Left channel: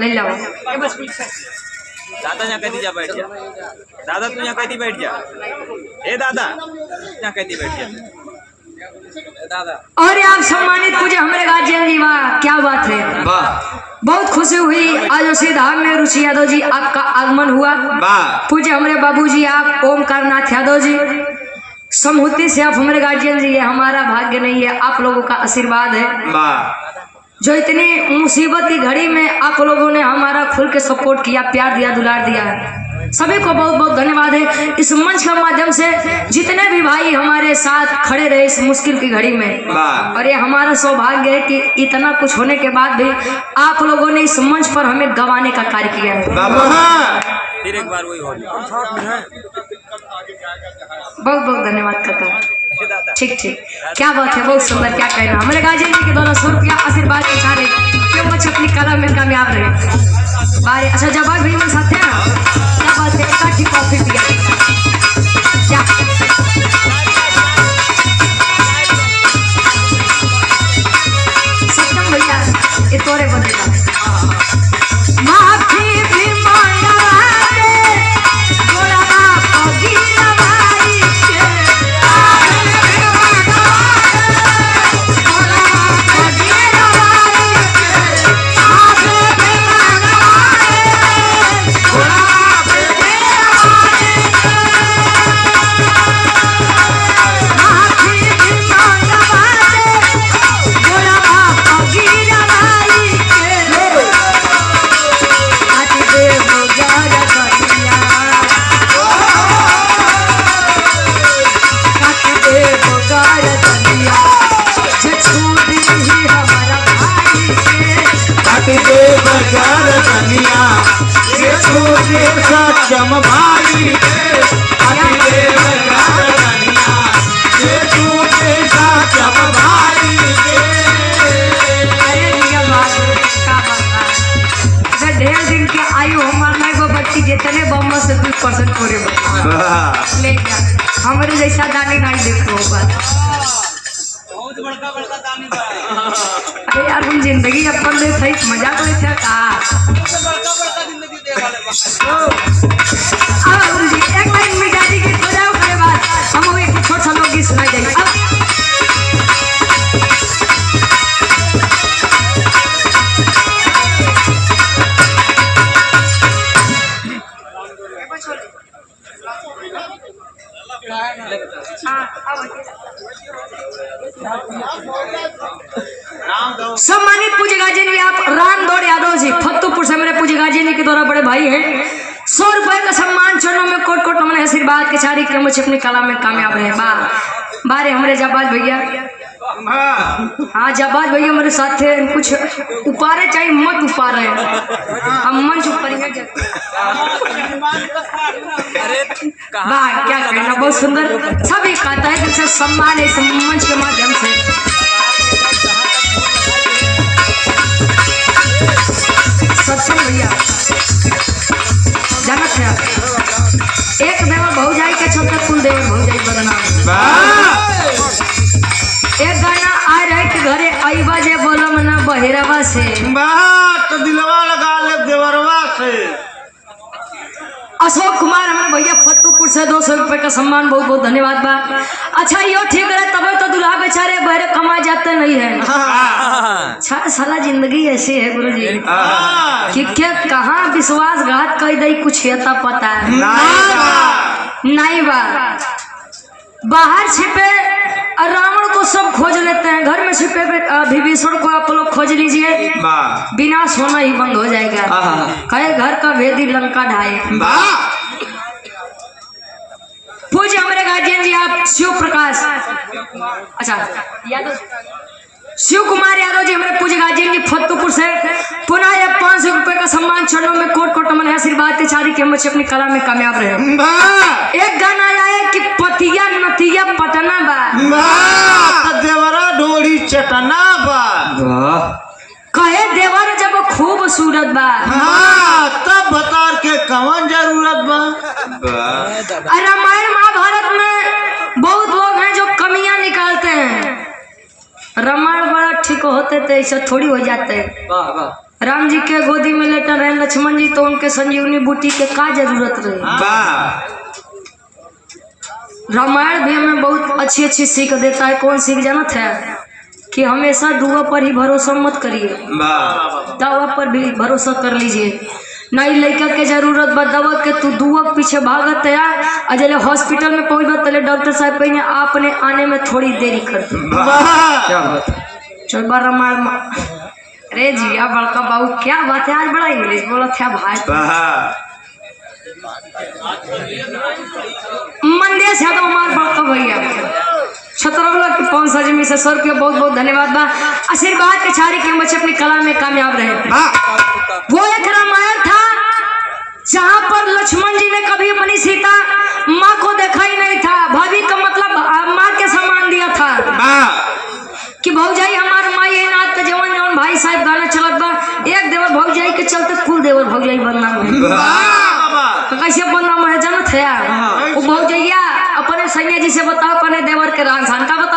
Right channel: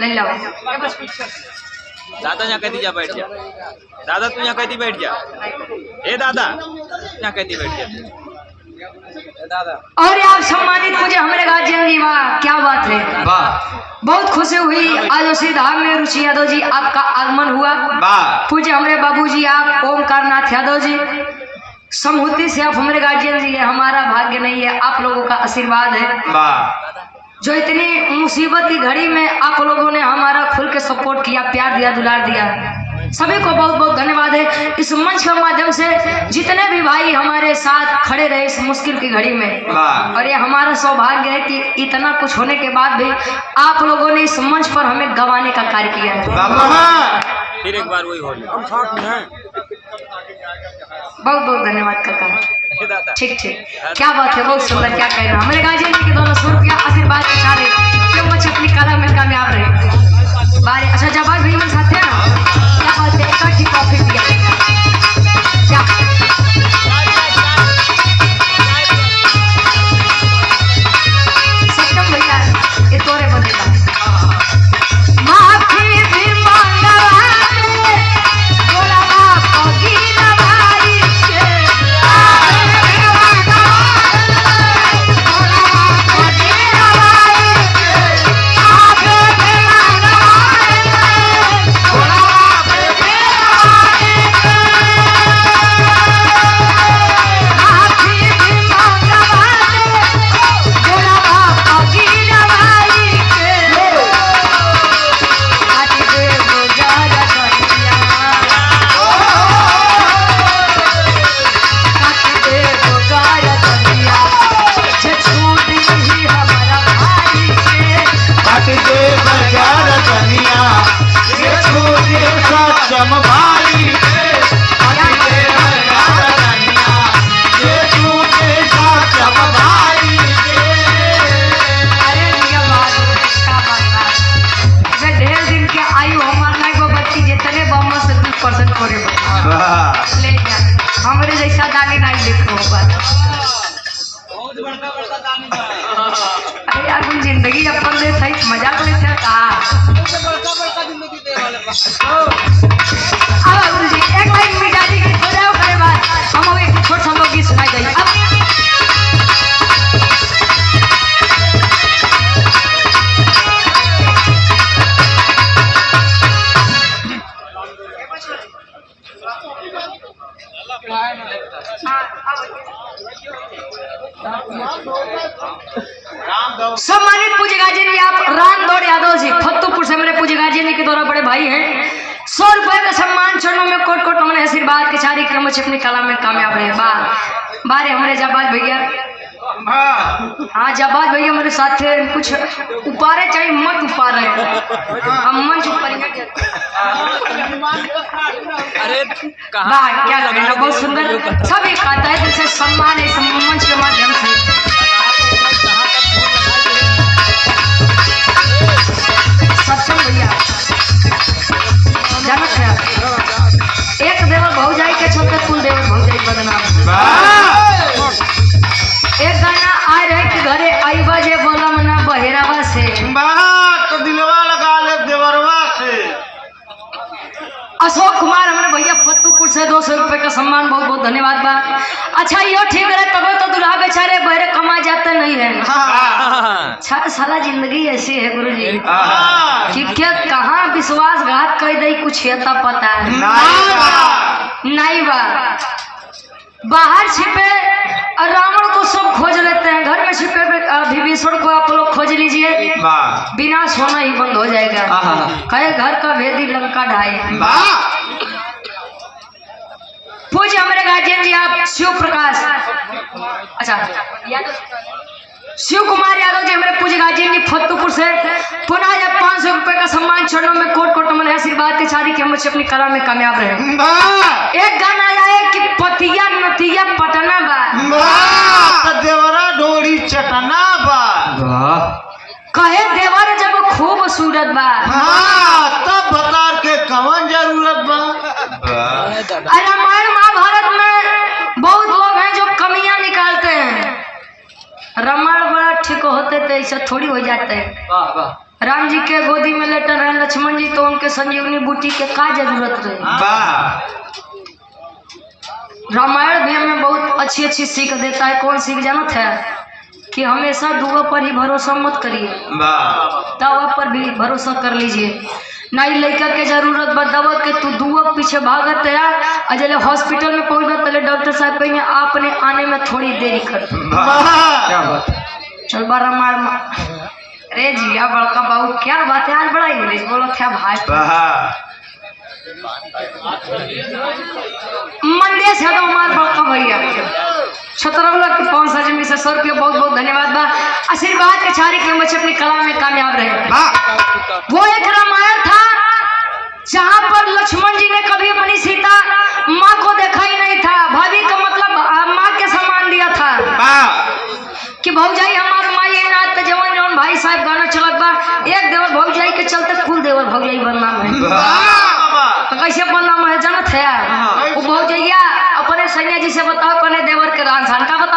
ले जाओ। दादा यहाँ कहती जा बैठ जा। दादा तू यहाँ कहती बैठ जा। ए दादा यहाँ कहती बैठ जा। दादा और आप सम्मानित पूज्य हमारे गार्जियन जी, वाह क्या बात है, बहुत खुशी हुई आज श्री धाम में रुचि यादव जी आपका आगमन हुआ। पूज्य हमारे बाबूजी आप ओमकार नाथ यादव जी समूति से आप हमारे गार्जियन जी, हमारा भाग्य नहीं है, आप लोगों का आशीर्वाद है जो इतनी मुसीबत की घड़ी में आप लोगों ने हमारा खुल के सपोर्ट किया, प्यार दिया, दुलार दिया। सभी को बहुत बहुत धन्यवाद है। इस मंच के माध्यम से जितने भी भाई हमारे साथ खड़े रहे इस मुश्किल की घड़ी में, और ये हमारा सौभाग्य है कि इतना कुछ होने के बाद भी आप लोगों ने इस मंच पर हमें गवाने का कार्य किया है। फिर एक बार वही होली। बहुत बहुत धन्यवाद करता हूँ। दादा ठीक ठीक, क्या बात है, बहुत सुंदर, क्या कह रहे हो। हमारे गार्जियन जी के द्वारा 100 रुपया आशीर्वाद के चारे क्यों बच्चे अपनी कला में कामयाब रहे। बारे अच्छा जब भी मेरे साथ है ना, क्या बात है, अच्छा ठीक कॉफी पिया क्या सत्यम भैया ये तोरे बनेगा। हमारे जैसा दानी नहीं देखो बहुत बड़का बड़का दानी बा। अरे यार हम जिंदगी अपन ले सही मजाक लेते का बड़का बड़का जिंदगी दे वाले बा। अब गुरुजी एक लाइन मिजाजी के हो जाओ करे बात हम एक छोटा सा लोग गीत सुनाई जाए। सम्मानित पूज्य गार्जियन जी आप रामदौड़ यादव जी फतेहपुर से मेरे पूज्य गार्जियन जी के द्वारा बड़े भाई हैं। 100 रुपए का सम्मान चरणों में कोट कोट हमारे आशीर्वाद के चारी क्रम से अपनी कला में कामयाब रहे। बारे हमारे जाबाज भैया, हाँ जाबाज भैया मेरे साथ थे, कुछ उपारे चाहिए मत उपारे, हम मंच ऊपर अरे क्या लगेगा, बहुत सुंदर सभी कहता है जैसे सम्मान है मंच के माध्यम से। सत्यम भैया जानत है एक देवर भौजाई के चलते कुल देवर भौजाई बदनाम। एक गाना आ रहा है कि घरे आईबा जे बोला मना बहेरावा से तो दिलवा लगा ले देवरवा से। अशोक कुमार हमारे भैया फतेहपुर से 200 रुपए का सम्मान, बहुत बहुत धन्यवाद बा। अच्छा यो ठीक है, तब तो दुल्हा बेचारे बहरे कमा जाते नहीं है। अच्छा साला जिंदगी ऐसी है गुरुजी कि क्या कहाँ विश्वासघात कर दे कुछ यता पता है नहीं बा। बाहर छिपे रावण को सब खोज लेते हैं, घर में छिपे विभीषण को आप लोग खोज लीजिए, विनाश होना ही बंद हो जाएगा। कहे घर का भेदी लंका ढाए। पूज्य हमारे गार्जियन जी आप शिव प्रकाश, अच्छा शिव कुमार यादव जी हमारे पूज्य गार्जियन जी फतेहपुर से पुनः यह 500 रुपए का सम्मान चरणों में कोट कोट मन आशीर्वाद के चारी के हम अपनी कला में कामयाब रहे। एक गाना आया है कि पतिया नतिया पटना बा देवरा डोरी चटना बा, कहे देवर जब खूब सूरत बा तब बता के कौन जरूरत बा। रामायण महाभारत में बहुत लोग हैं जो कमियां निकालते हैं, रामायण बड़ा ठीक होते थे ऐसा थोड़ी हो जाते है। राम जी के गोदी में लेटर रहे लक्ष्मण जी, तो उनके संजीवनी बूटी के का जरूरत रहे। रामायण भी हमें बहुत अच्छी अच्छी सीख देता है। कौन सीख जानत है? कि हमेशा दुआ पर ही भरोसा मत करिए, दवा पर भी भरोसा कर लीजिए। नहीं लड़का के जरूरत बा दवा के, तू दुआ पीछे भागत है और जले हॉस्पिटल में पहुंच तले डॉक्टर साहब कहेंगे आपने आने में थोड़ी देरी कर। चल बा रामायण। अरे जिया बड़का बाबू क्या बात है, आज बड़ा इंग्लिश बोला था भाई। मंदेश है तो हमारे बड़का भैया छतरौला की 5 जमी से 100 रुपया बहुत बहुत धन्यवाद बा। आशीर्वाद के छारी के बच्चे अपनी कला में कामयाब रहे। वो एक रामायण था जहाँ पर लक्ष्मण जी ने कभी अपनी सीता माँ को देखा ही नहीं था। भाभी का मतलब माँ के समान दिया था कि भौजाई हमारे माँ ये नाथ पे जवान जवान भाई साहब गाना चलत बा। एक देवर भौजाई के चलते कुल देवर भौजाई बनना है। तो कैसे बनना है जानत है यार? वो भौजैया अपने सैया जी से बताओ अपने देवर के रान सान का बतावे।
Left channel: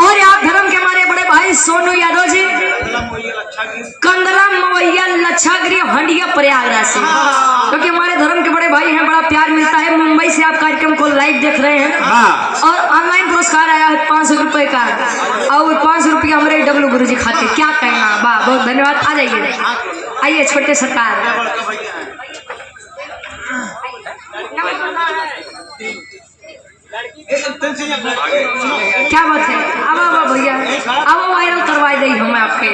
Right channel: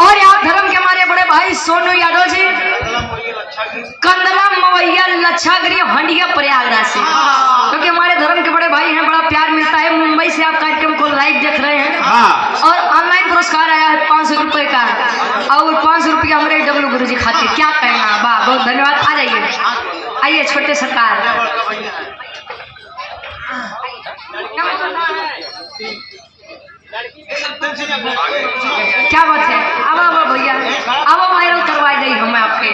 और आप धर्म के हमारे बड़े भाई सोनू यादव जी कंदरा मवैया लच्छागिरी हंडिया प्रयागराज से, क्योंकि हमारे धर्म के बड़े भाई हैं, बड़ा प्यार मिलता है। मुंबई से आप कार्यक्रम को लाइव देख रहे हैं और ऑनलाइन पुरस्कार आया है 500 रुपए का, और 500 रुपया हमारे डब्लू गुरु जी खाते। क्या कहना, वाह बहुत धन्यवाद। आ जाइए, आइए छोटे सरकार। क्या बात है, अब भैया अब वायरल करवाई गई हमें आपके।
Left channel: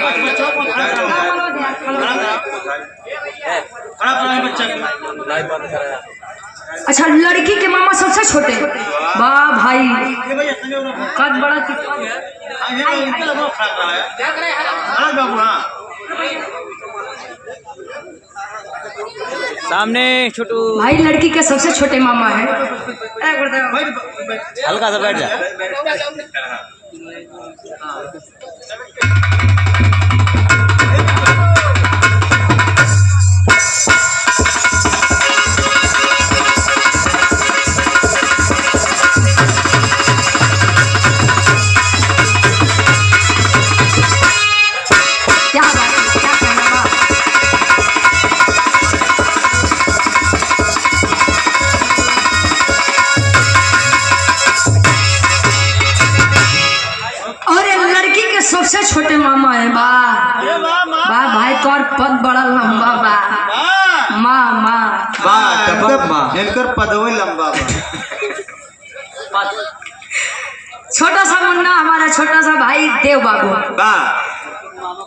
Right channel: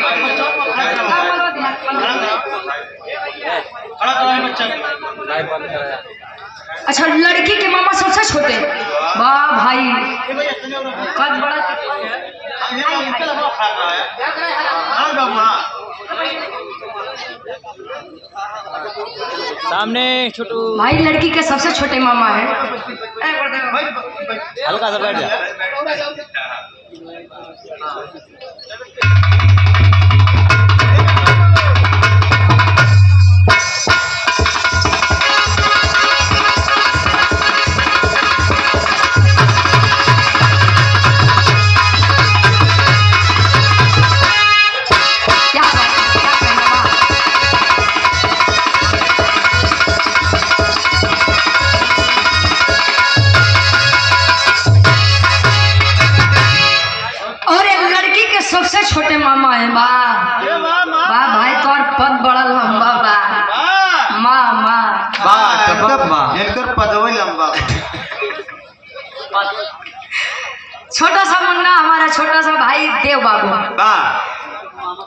अच्छा, लड़की के मामा सबसे छोटे, वाह भाई कद बड़ा सामने छोटू भाई लड़की के सबसे छोटे मामा है। हल्का सा बैठ जा। सबसे छोटे मामा है। वाह वाह भाई, तो और पद बड़ा लंबा बा। माँ माँ पदवी लंबा। छोटा सा मुन्ना हमारा छोटा सा भाई देव बाबू,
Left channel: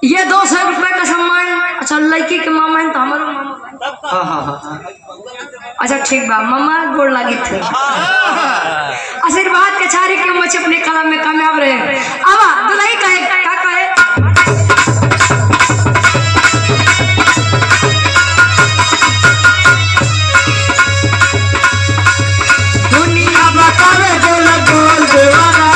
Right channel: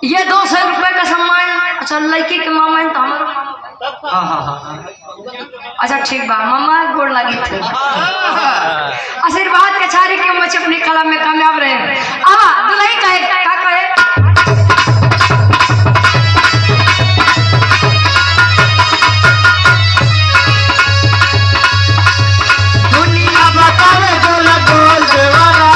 ये 200 रुपए का सम्मान। अच्छा, लड़की के मामा है तो हमारा मामा। अच्छा ठीक बा, मामा गोड़ लगी थे। आशीर्वाद के छारी के बच्चे अपनी कला में कामयाब रहे। अब दुल्हन कहे का कहे दुनिया बतावे गोल गोल देवारा।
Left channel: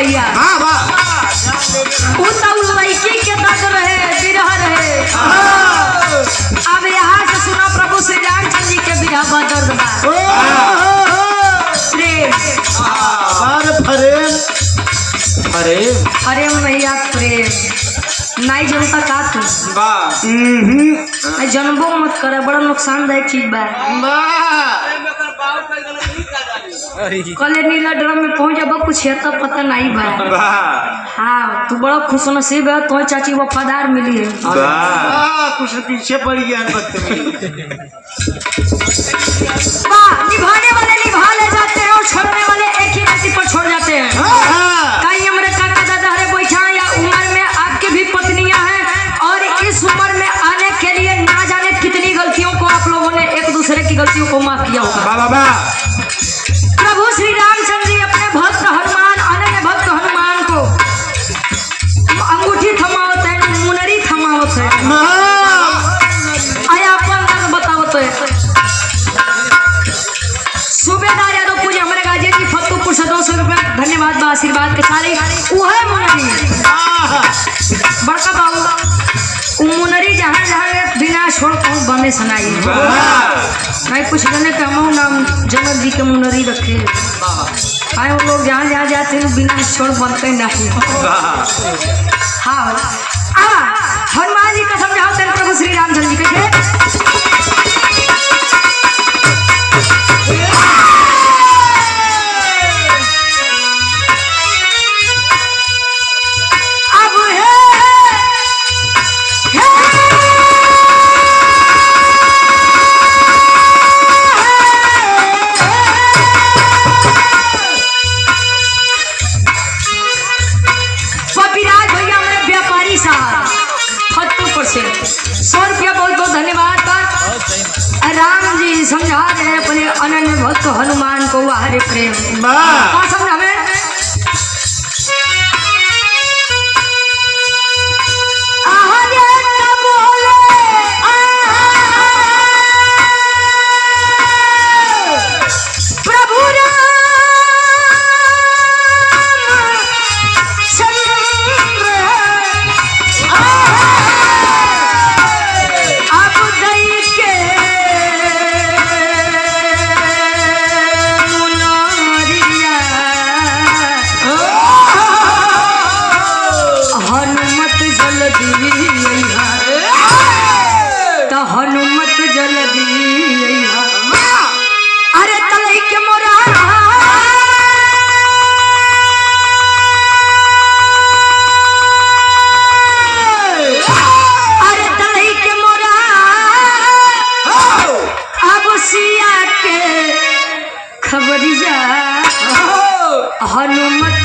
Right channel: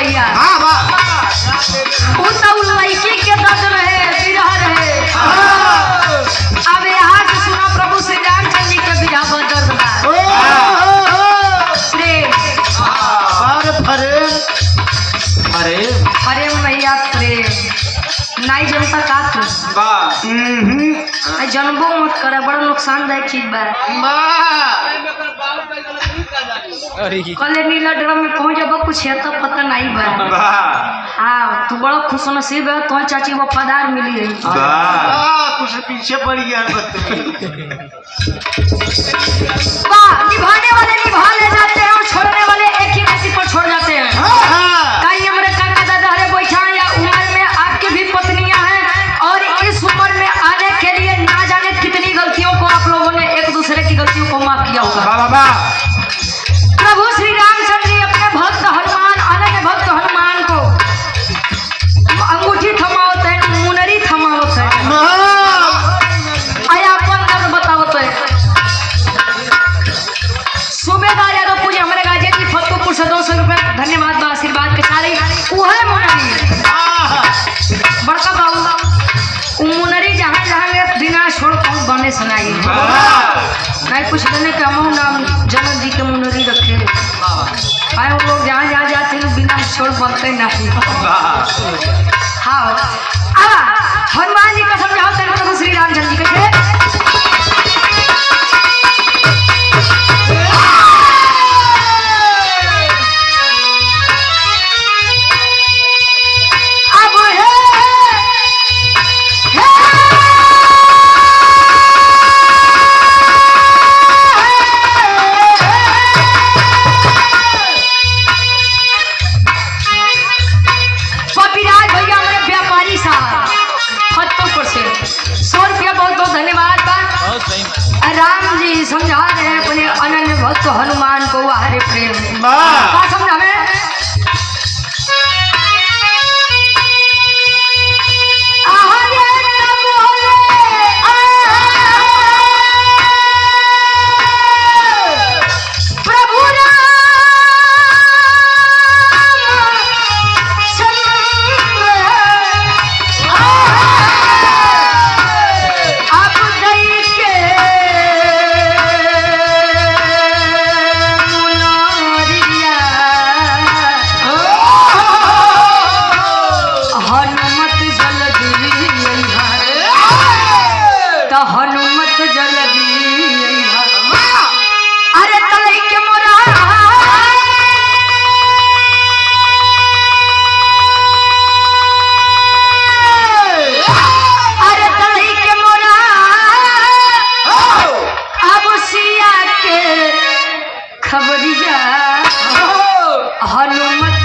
भैया उ तो लड़की के दर्द रहे बिरह रहे। अब यहाँ से सुना प्रभु श्री रामचंद्र जी के बिरह का दर्द बा। प्रेम अरे भैया प्रेम नहीं जनता का तू जनबो मत करे, बड़ा नुकसानदायक चीज बा। कल नीला ड्रम में पहुंच जब कुछ है तब पता नहीं बा। हाँ तू बड़ा खुश नसीब है, तो चाची वफादार मिली है। कुछ पीछे पड़ गया निभाने वाले निभा ले जाते हैं और छोड़ने वाले एक ही गति पर छोड़ जाते हैं। कहीं हमारे काका दादा हरे बैठा या उम्र में आपकी भी पत्नियां हैं और इस उम्र में आने के लिए ना जाने कितनी गलतियों को आप लोगों ने एक दूसरे की गलतियों को माफ किया होगा। प्रभु श्री रामचंद्र जी अपने भक्त हनुमान अनन्य भक्त हनुमान को अंगूठी थमावत है, मुनरी थमावत है, आया अपन दर्द बतावत है। सूबेदार यादव पूजा हमारे गाजी की फतपुर से 200 रुपये धन्यवाद आशीर्वाद के सारे उहे मुनरी बड़का बाबू मुनरी जहाँ जहाँ बिना छोड़ कहूँ बने सुनाई नहीं कुछ बने के हम नाम जनक जी के मुनरी रखे आए। वो लोग जहाँ जहाँ जाते हैं बिना छोड़ बनते नहीं। हाँ अब हनुमान जी को समझाओ तेरे प्रभु श्री रामचंद्र जी के राम जी समझा रहे हैं अपने अनन्य भक्त हनुमान को हरे प्रेम क्या समझा में खबरिया हनुमत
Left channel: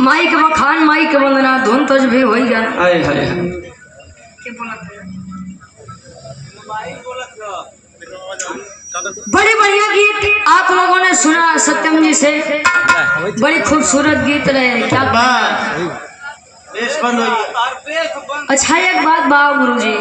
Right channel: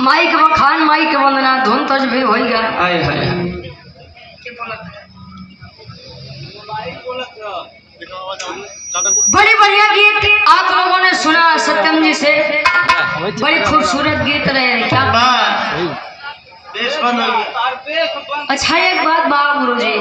माई के बखान माई के वंदना धुन तज भी होइगा। हाय हाय बड़ी बढ़िया गीत आप लोगों ने सुना सत्यम जी से, बड़ी खूबसूरत गीत रहे क्या। वाह बेस बन गई। अच्छा एक बात बा गुरुजी,